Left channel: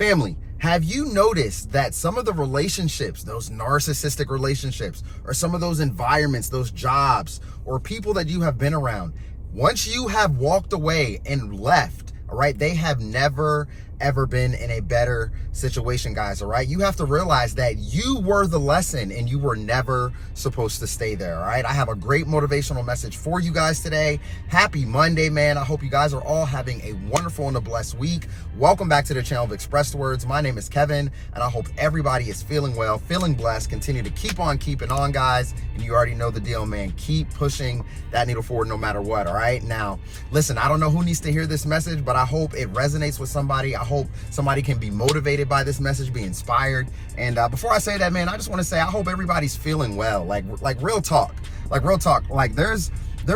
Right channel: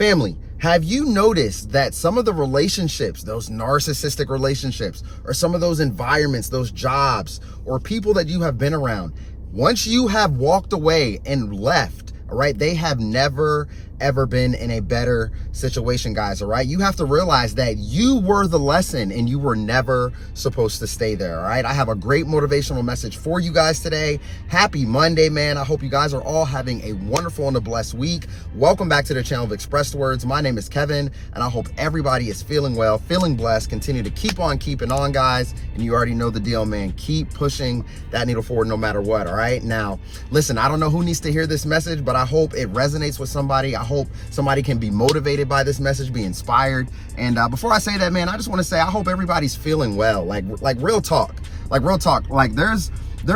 Family, have you noticed that some of the relationships, those narcissistic relationships, or some of those environments, those jobs, or people that you have been around, once you have walked away and left, all right, they have never ever been in a better situation, guys, all right? You have to realize that you were the lesson and you were never supposed to stay there, all right? I have a great motivational message for you guys today. Happy Monday, man. I hope you guys are all having a wonderful and a blessed week. Welcome back to the channel of ExpressedWordz. My name is Kevin, and I hope everybody is feeling well, feeling blessed. Continue to keep on keeping on, guys. And you already know the deal, man. Keep pushing that needle forward no matter what, all right? Now, listen, I don't know who needs to hear this message, but I hope it resonates with somebody. I hope somebody can be motivated by this message, be inspired. And before I say that, man, I just want to say I hope everybody's feeling well. Like real talk. Like there's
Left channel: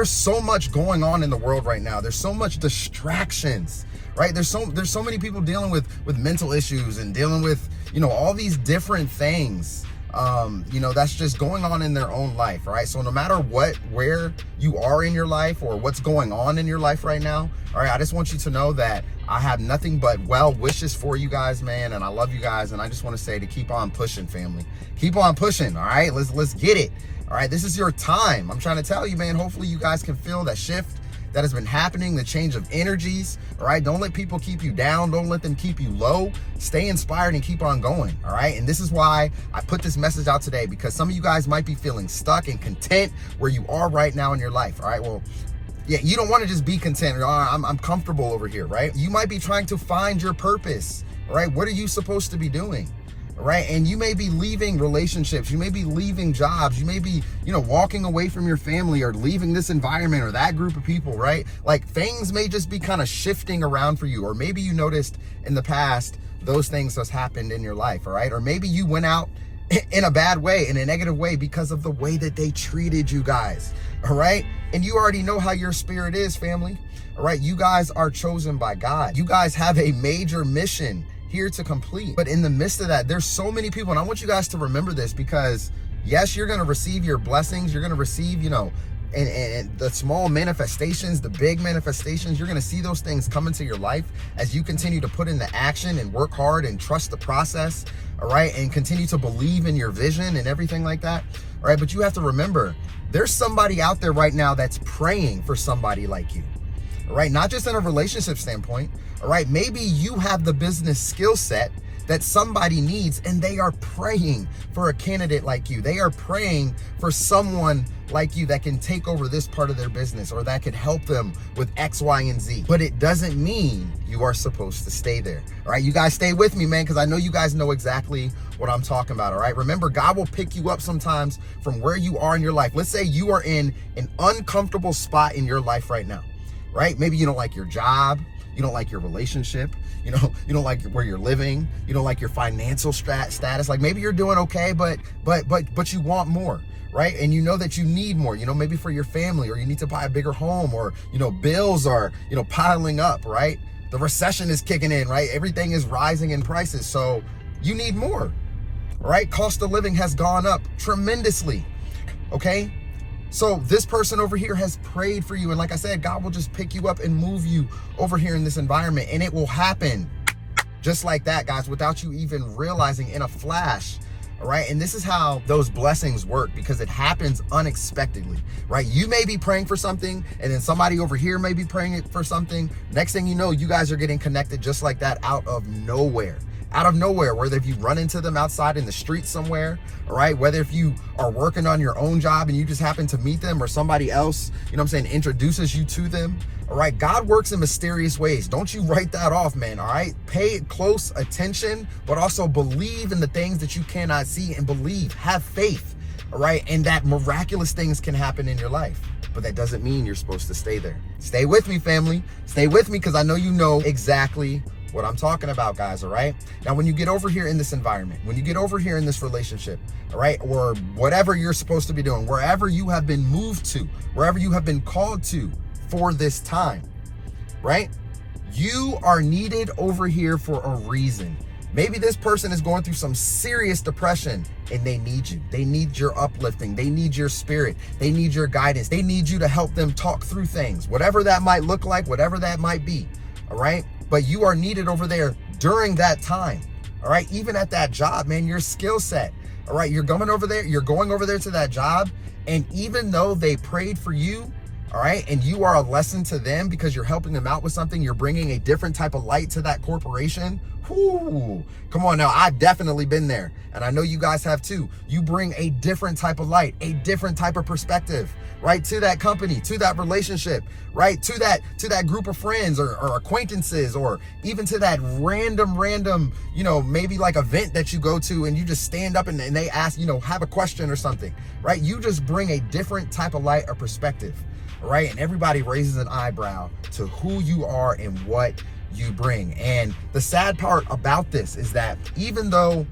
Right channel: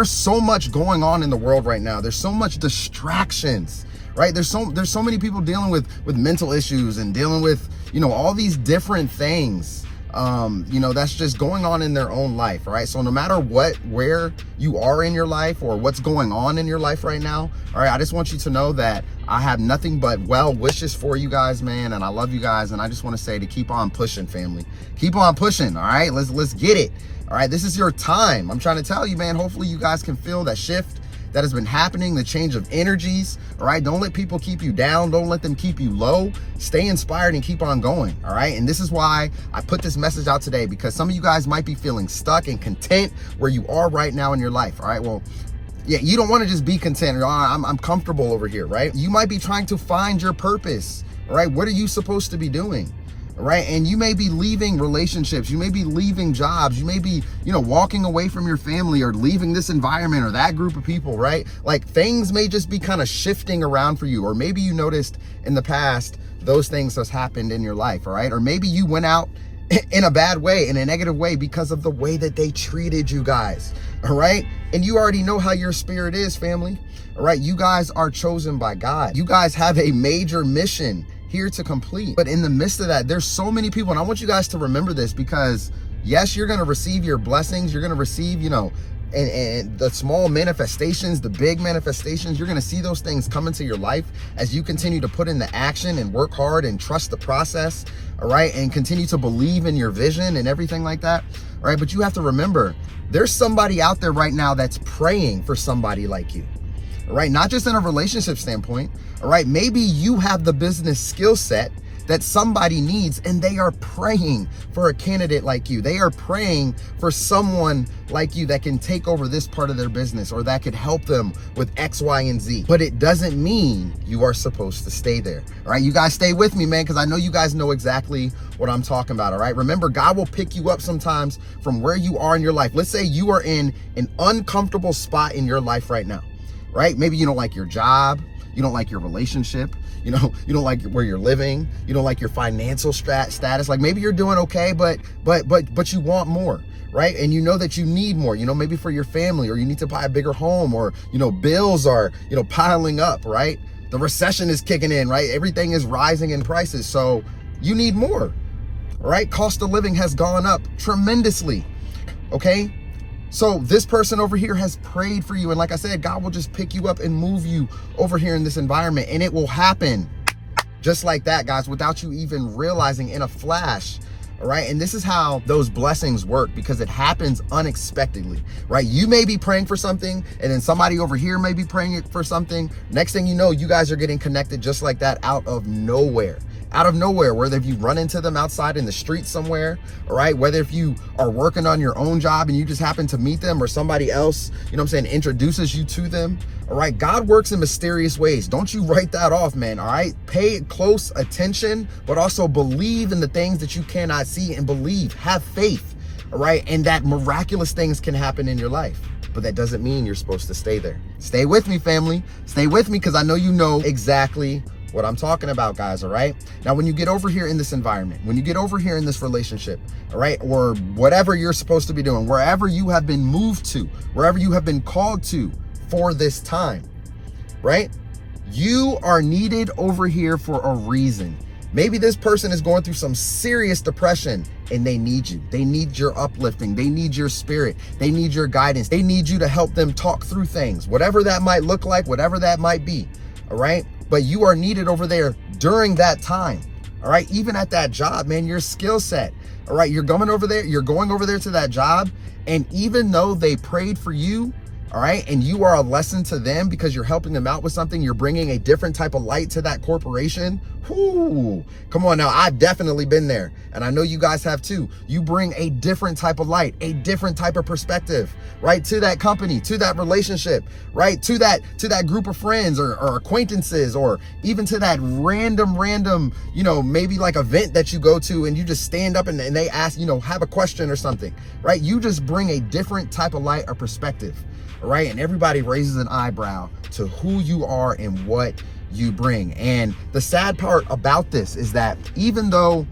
so much going on in the world right now. There's so much distractions, right? There's so many people dealing with mental issues and dealing with, all these different things. That's just going on in their own life, right? So no matter where you are in your life or what's going on in your life right now, all right, I just want you to know that I have nothing but well wishes for you guys, man, and I love you guys, and I just want to say to keep on pushing, family. Keep on pushing, all right? Let's get it, all right? This is your time. I'm trying to tell you, man, hopefully you guys can feel that shift that has been happening, the change of energies, all right? Don't let people keep you down. Don't let them keep you low. Stay inspired and keep on going, all right? And this is why I put this message out today, because some of you guys might be feeling stuck and content where you are right now in your life, all right? Well, yeah, you don't want to just be content. I'm comfortable over here, right? You might be trying to find your purpose, all right? What are you supposed to be doing? All right. And you may be leaving relationships. You may be leaving jobs. You may be, walking away from your family or leaving this environment or that group of people, right? Like things may just be kind of shifting around for you. Or maybe you noticed in the past, those things has happened in your life. All right. Or maybe you went out in a bad way, in a negative way, because of the way that they treated you guys. All right. And you already know how your spirit is, family. All right. You guys are chosen by God. You guys have a major mission here to complete. But in the midst of that, there's so many people, and I want you guys to remember this, because yes, you're going to receive your blessings. You're going to receive, and the small manifestations, the big manifestations, you're going to see those things come into your life as you continue to put into action and work hard and trust the process. All right. And continue to believe in your vision and everything like that. All right. But you have to remember, there's somebody out there right now that's praying for somebody like you. All right. Not just in a relationship standpoint. All right. Maybe you have the business skill set that somebody needs, and they are praying for a candidate like you. They are praying for someone like you that can take over this part of their business or that could help them with X, Y, and Z. But it doesn't mean you are supposed to stay there. All right. You guys stay with me, man, because I know you guys know exactly what I'm talking about. All right. Remember, God will pick you up sometimes from where you are in your life. Let's say you are in an uncomfortable spot in your life right now, right? Maybe you don't like your job. You don't like your relationship. You don't like where you're living. You don't like your financial status. Like maybe you're doing okay, but you want more, right? And you know that you need more, maybe for your family, or you need to buy a bigger home, or, bills are, piling up, right? The recession is kicking in, right? Everything is rising in prices. So you need more, right? Cost of living has gone up tremendously. Okay. So this person over here has prayed for you. And like I said, God will just pick you up and move you over here in this environment. And it will happen just like that, guys, without you even realizing, in a flash. All right. And this is how those blessings work, because it happens unexpectedly, right? You may be praying for something, and then somebody over here may be praying for something. Next thing you know, you guys are getting connected just like that, out of nowhere. Whether if you run into them outside in the street somewhere, all right, whether if you are working on your own job and you just happen to meet them, or somebody else, introduces you to them. All right. God works in mysterious ways. Don't you write that off, man. All right. Pay close attention, but also believe in the things that you cannot see, and have faith. All right. And that miraculous things can happen in your life. But that doesn't mean you're supposed to stay there. Stay with me, family. Stay with me, because I know you know exactly what I'm talking about, guys. All right. Now, when you get over here in this environment, when you get over here in this relationship, all right, or whatever you're supposed to be doing, wherever you have been moved to, wherever you have been called to for this time, right? You are needed over here for a reason. Maybe this person is going through some serious depression, and they need you. They need your uplifting. They need your spirit. They need your guidance. They need you to help them talk through things, whatever that might look like, whatever that might be. All right. But you are needed over there during that time. All right, even at that job, man, your skill set. All right, you're going over there to that job, and even though they prayed for you, all right, and you are a lesson to them because you're helping them out with something, you're bringing a different type of light to that corporation. Whoo, come on now, I've definitely been there, and I know you guys have too. You bring a different type of light, a different type of perspective, right, to that company, to that relationship, right, to that group of friends or acquaintances, or even to that random, you know, maybe like event that you go to and you just stand up and they ask, you know, have a question or something, right? You just bring a different type of light or perspective. Right? And everybody raises an eyebrow to who you are and what you bring. And the sad part about this is that even though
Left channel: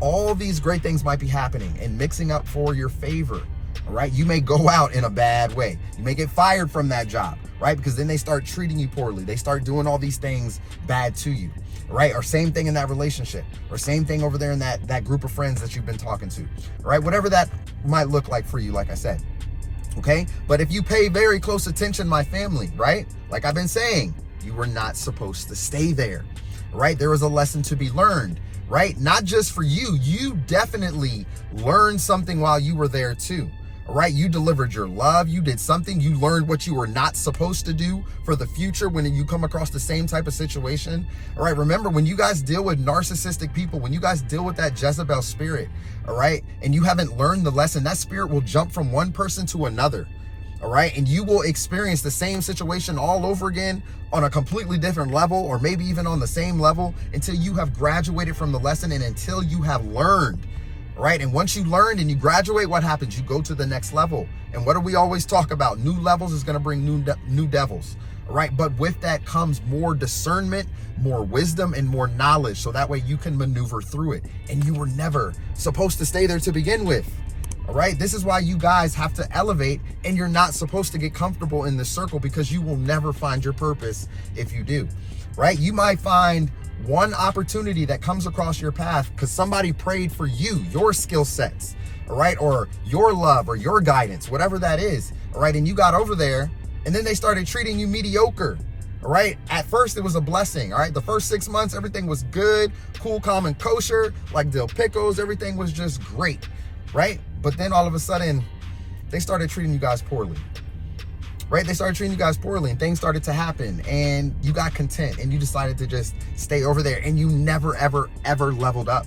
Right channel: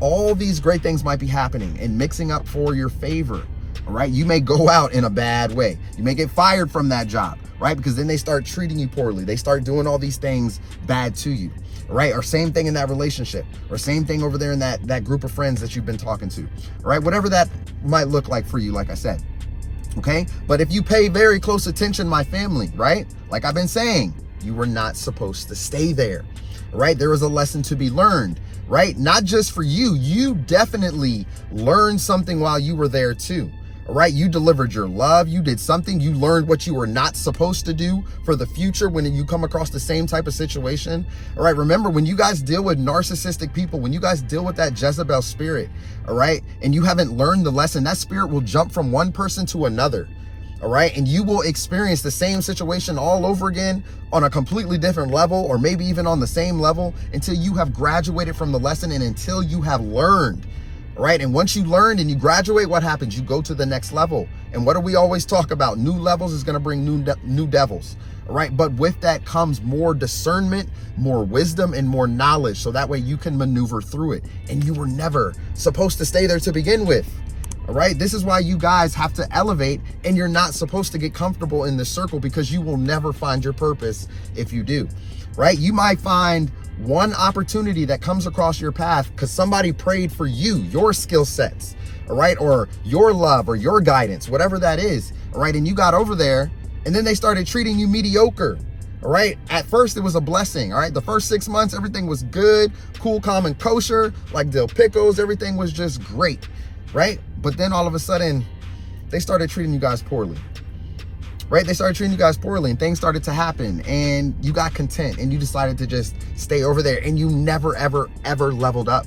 all these great things might be happening and mixing up for your favor, all right, you may go out in a bad way. You may get fired from that job, right? Because then they start treating you poorly. They start doing all these things bad to you, right? Or same thing in that relationship, or same thing over there in that group of friends that you've been talking to, right? Whatever that might look like for you, like I said. Okay, but if you pay very close attention, my family, right? Like I've been saying, you were not supposed to stay there, right? There was a lesson to be learned, right? Not just for you. You definitely learned something while you were there too, all right? You delivered your love. You did something. You learned what you were not supposed to do for the future when you come across the same type of situation, all right? Remember, when you guys deal with narcissistic people, when you guys deal with that Jezebel spirit, all right, and you haven't learned the lesson, that spirit will jump from one person to another, all right, and you will experience the same situation all over again on a completely different level, or maybe even on the same level, until you have graduated from the lesson and until you have learned, all right? And once you learn and you graduate, what happens? You go to the next level. And what do we always talk about? New levels is going to bring new devils, all right? But with that comes more discernment, more wisdom, and more knowledge, so that way you can maneuver through it. And you were never supposed to stay there to begin with, all right? This is why you guys have to elevate, and you're not supposed to get comfortable in this circle, because you will never find your purpose if you do, right? You might find one opportunity that comes across your path because somebody prayed for you, your skill sets, all right, or your love or your guidance, whatever that is, all right? And you got over there, and then they started treating you mediocre. All right, at first it was a blessing. All right, the first 6 months, everything was good, cool, calm, and kosher, like dill pickles. Everything was just great, right? But then all of a sudden, they started treating you guys poorly, right? They started treating you guys poorly, and things started to happen, and you got content, and you decided to just stay over there, and you never, ever, ever leveled up.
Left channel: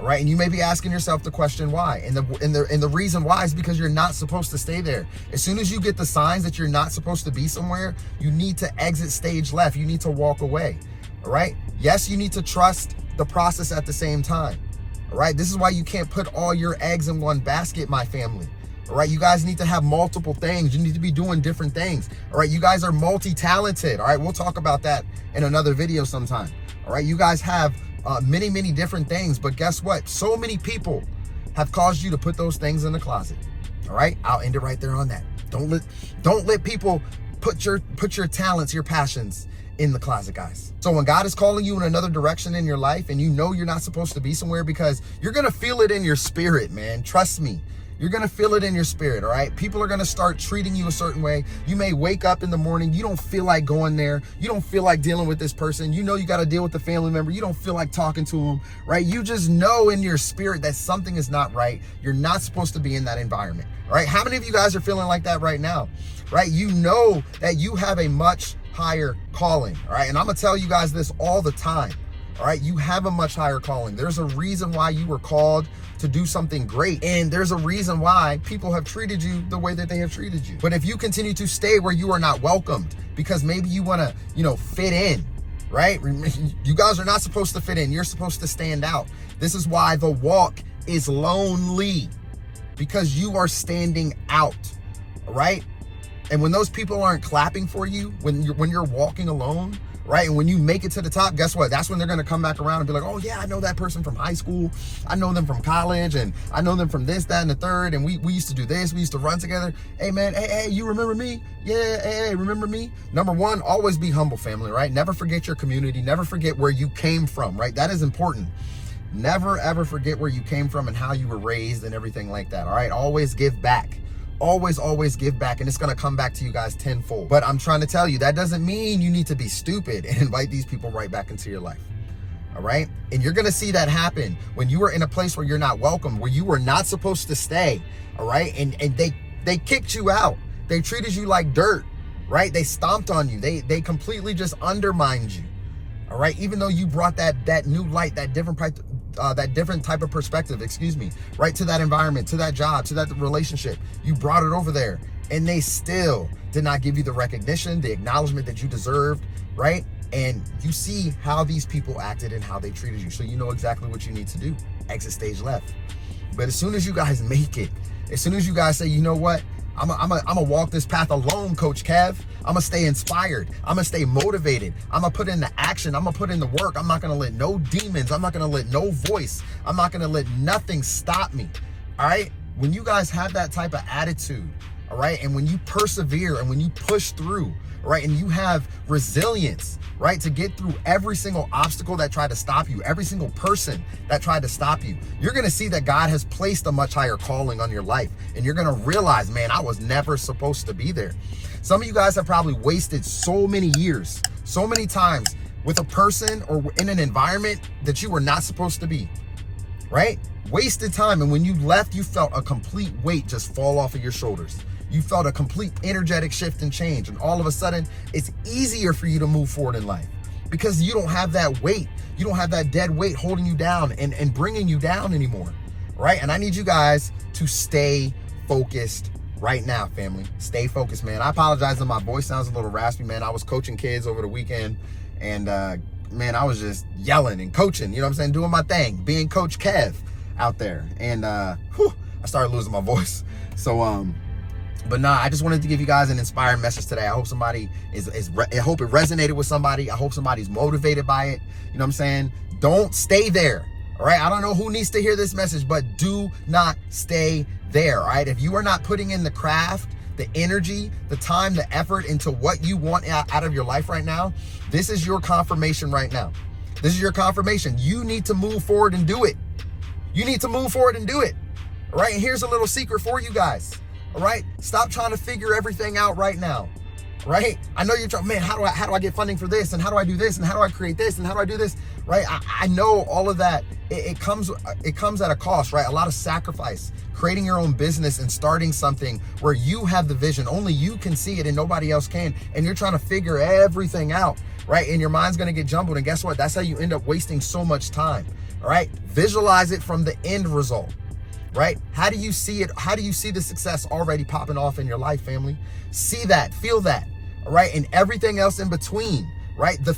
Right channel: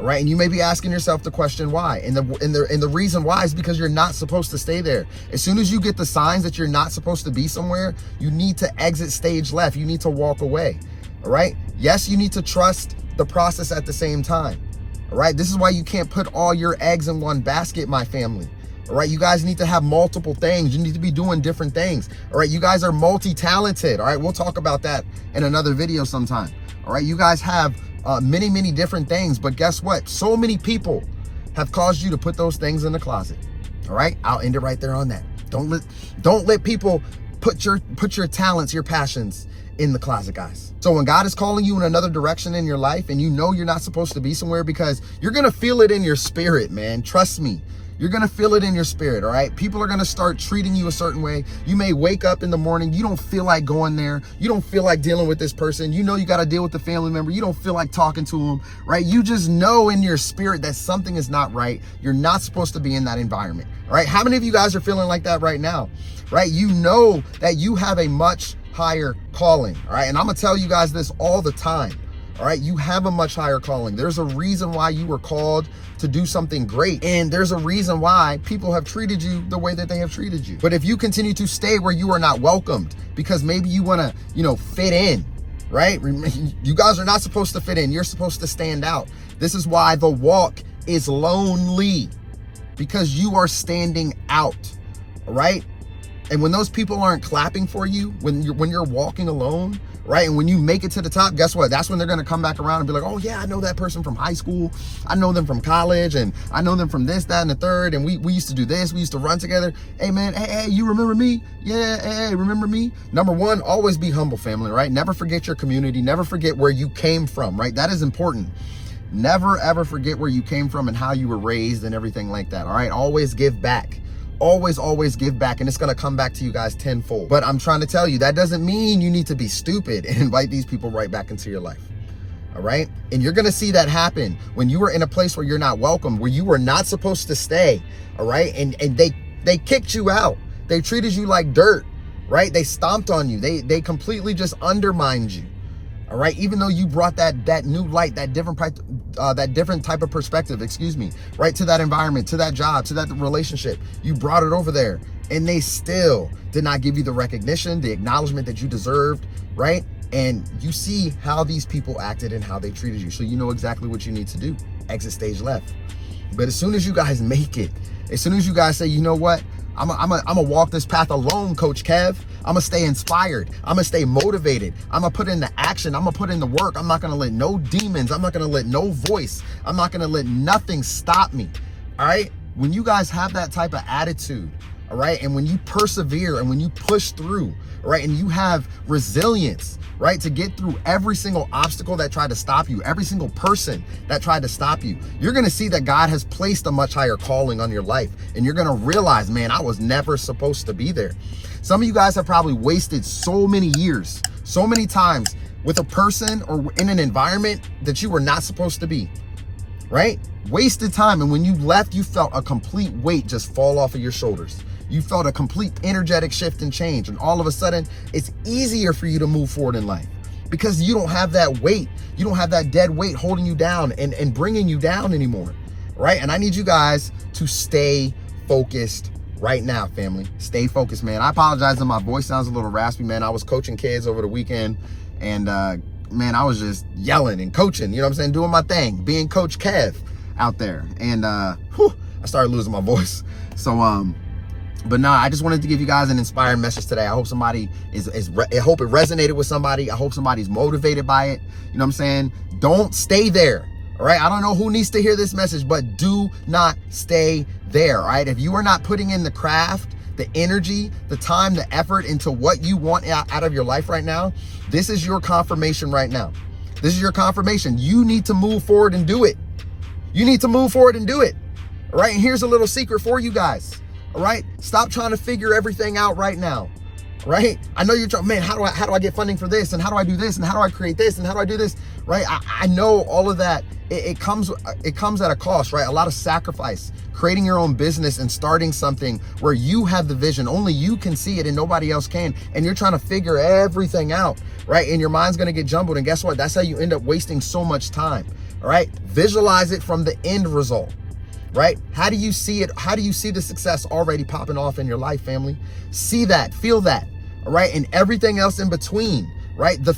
All right, and you may be asking yourself the question why, and the reason why is because you're not supposed to stay there. As soon as you get the signs that you're not supposed to be somewhere, you need to exit stage left. You need to walk away. All right. Yes, you need to trust the process at the same time. All right. This is why you can't put all your eggs in one basket, my family. All right. You guys need to have multiple things. You need to be doing different things. All right. You guys are multi-talented. All right. We'll talk about that in another video sometime. All right. You guys have many different things, but guess what? So many people have caused you to put those things in the closet. All right, I'll end it right there on that. Don't let people put your talents, your passions in the closet, guys. So when God is calling you in another direction in your life, and you know you're not supposed to be somewhere, because you're gonna feel it in your spirit, man. Trust me. You're going to feel it in your spirit, all right? People are going to start treating you a certain way. You may wake up in the morning. You don't feel like going there. You don't feel like dealing with this person. You know you got to deal with the family member. You don't feel like talking to them, right? You just know in your spirit that something is not right. You're not supposed to be in that environment, all right? How many of you guys are feeling like that right now, right? You know that you have a much higher calling, all right? And I'm going to tell you guys this all the time, all right? You have a much higher calling. There's a reason why you were called to do something great. And there's a reason why people have treated you the way that they have treated you. But if you continue to stay where you are not welcomed, because maybe you want to, fit in, right? You guys are not supposed to fit in. You're supposed to stand out. This is why the walk is lonely, because you are standing out, all right? And when those people aren't clapping for you, when you're walking alone, right? And when you make it to the top, guess what? That's when they're going to come back around and be like, oh yeah, I know that person from high school. I know them from college, and I know them from this, that, and the third. And we used to do this. We used to run together. Hey man, hey, you remember me? Yeah, hey, remember me? Number one, always be humble, family, right? Never forget your community. Never forget where you came from, right? That is important. Never ever forget where you came from and how you were raised and everything like that, all right? Always give back. Always give back, and it's going to come back to you guys tenfold. But I'm trying to tell you, that doesn't mean you need to be stupid and invite these people right back into your life. All right. And you're going to see that happen when you are in a place where you're not welcome, where you were not supposed to stay. All right. And they kicked you out. They treated you like dirt, right? They stomped on you. They completely just undermined you. All right. Even though you brought that new light, that different type of perspective, right, to that environment, to that job, to that relationship, you brought it over there, and they still did not give you the recognition, the acknowledgement that you deserved, right? And you see how these people acted and how they treated you. So you know exactly what you need to do. Exit stage left. But as soon as you guys make it, as soon as you guys say, you know what, I'm gonna walk this path alone, Coach Kev. I'm gonna stay inspired. I'm gonna stay motivated. I'm gonna put in the action. I'm gonna put in the work. I'm not gonna let no demons. I'm not gonna let no voice. I'm not gonna let nothing stop me. All right. When you guys have that type of attitude, all right, and when you persevere and when you push through, all right, and you have resilience, right, to get through every single obstacle that tried to stop you, every single person that tried to stop you, you're going to see that God has placed a much higher calling on your life. And you're going to realize, man, I was never supposed to be there. Some of you guys have probably wasted so many years, so many times with a person or in an environment that you were not supposed to be, right? Wasted time. And when you left, you felt a complete weight just fall off of your shoulders. You felt a complete energetic shift and change. And all of a sudden, it's easier for you to move forward in life because you don't have that weight. You don't have that dead weight holding you down and bringing you down anymore, right? And I need you guys to stay focused right now, family. Stay focused, man. I apologize that my voice sounds a little raspy, man. I was coaching kids over the weekend and, man, I was just yelling and coaching, you know what I'm saying? Doing my thing, being Coach Kev out there. And, I started losing my voice. So, but nah, I just wanted to give you guys an inspiring message today. I hope somebody I hope it resonated with somebody. I hope somebody's motivated by it. You know what I'm saying? Don't stay there. All right. I don't know who needs to hear this message, but do not stay there. All right. If you are not putting in the craft, the energy, the time, the effort into what you want out of your life right now, this is your confirmation right now. This is your confirmation. You need to move forward and do it. You need to move forward and do it. All right. And here's a little secret for you guys. All right. Stop trying to figure everything out right now. Right. I know you're trying, man, how do I get funding for this? And how do I do this? And how do I create this? And how do I do this? Right. I know all of that. It comes at a cost, right? A lot of sacrifice, creating your own business and starting something where you have the vision. Only you can see it and nobody else can. And you're trying to figure everything out. Right. And your mind's going to get jumbled. And guess what? That's how you end up wasting so much time. All right. Visualize it from the end result. Right? How do you see it? How do you see the success already popping off in your life, family? See that, feel that, all right? And everything else in between, right? The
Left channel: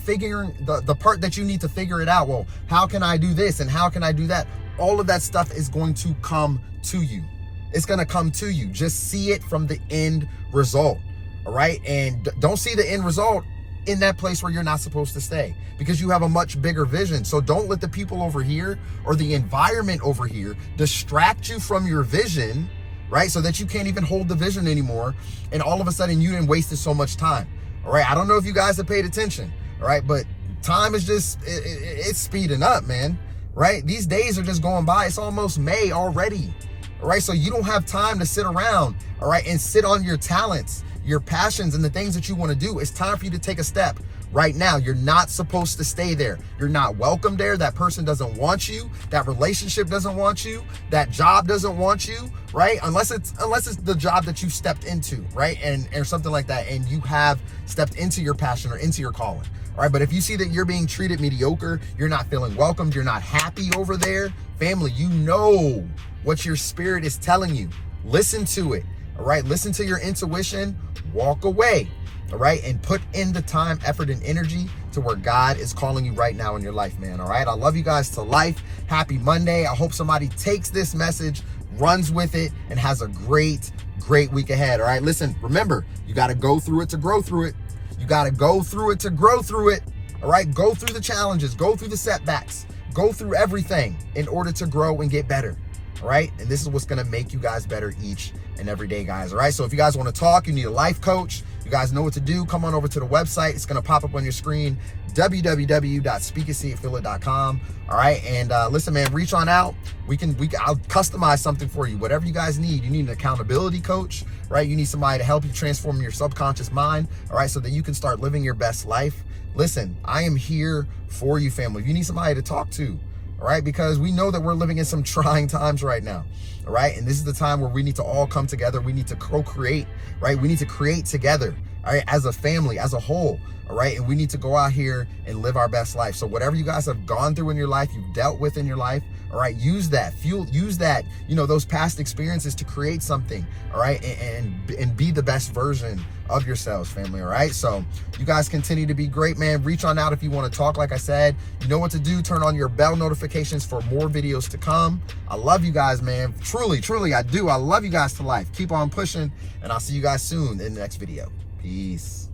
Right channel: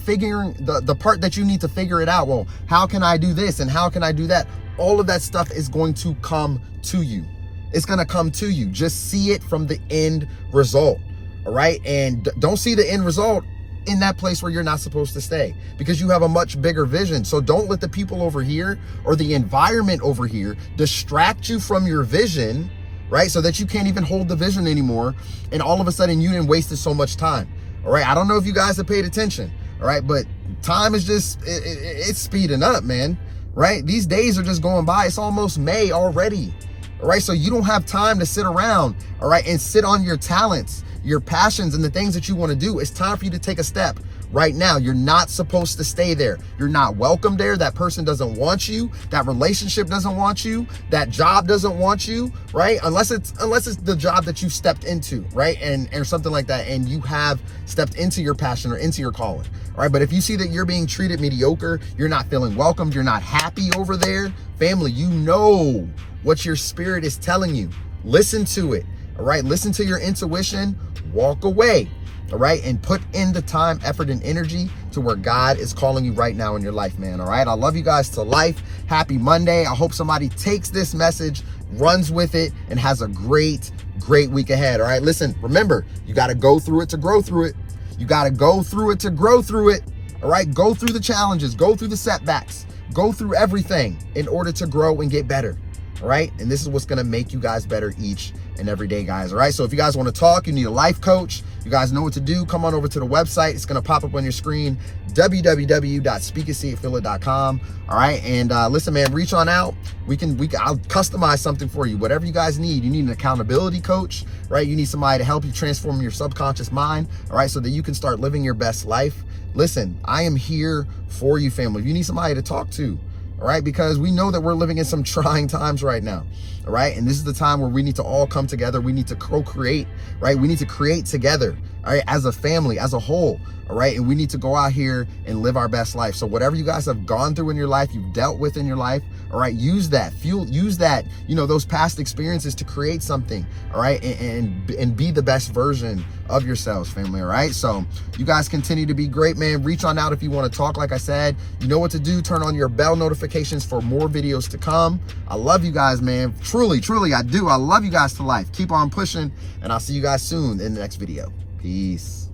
part that you need to figure it out. Well, how can I do this? And how can I do that? All of that stuff is going to come to you. It's going to come to you. Just see it from the end result, all right? And don't see the end result in that place where you're not supposed to stay because you have a much bigger vision. So don't let the people over here or the environment over here distract you from your vision, right? So that you can't even hold the vision anymore. And all of a sudden you didn't wasted so much time. All right. I don't know if you guys have paid attention. All right. But time is just, it's speeding up, man. Right. These days are just going by. It's almost May already. All right. So you don't have time to sit around. All right. And sit on your talents, your passions, and the things that you want to do. It's time for you to take a step right now. You're not supposed to stay there. You're not welcome there. That person doesn't want you. That relationship doesn't want you. That job doesn't want you, right? Unless it's the job that you stepped into, right? And something like that. And you have stepped into your passion or into your calling. All right. But if you see that you're being treated mediocre, you're not feeling welcomed, you're not happy over there, family, you know what your spirit is telling you. Listen to it. All right. Listen to your intuition, walk away. All right. And put in the time, effort, and energy to where God is calling you right now in your life, man. All right. I love you guys to life. Happy Monday. I hope somebody takes this message, runs with it, and has a great week ahead. All right. Listen, remember, you got to go through it to grow through it. You got to go through it to grow through it. All right. Go through the challenges, go through the setbacks, go through everything in order to grow and get better. All right. And this is what's going to make you guys better each and every day, guys. All right. So if you guys want to talk, you need a life coach, you guys know what to do. Come on over to the website. It's going to pop up on your screen, www.speakandseeitfeelit.com. All right. And listen, man, reach on out. I'll customize something for you. Whatever you guys need. You need an accountability coach, right? You need somebody to help you transform your subconscious mind. All right. So that you can start living your best life. listen, I am here for you, family. If you need somebody to talk to, all right, because we know that we're living in some trying times right now, all right? And this is the time where we need to all come together. We need to co-create, right? We need to create together, all right, as a family, as a whole, all right? And we need to go out here and live our best life. So whatever you guys have gone through in your life, you've dealt with in your life, all right, use that, use that, you know, those past experiences to create something, all right, and be the best version of yourselves, family, all right? So you guys continue to be great, man. Reach on out if you want to talk. Like I said, you know what to do. Turn on your bell notifications for more videos to come. I love you guys, man. Truly, truly, I do. I love you guys to life. Keep on pushing, and I'll see you guys soon in the next video. Peace.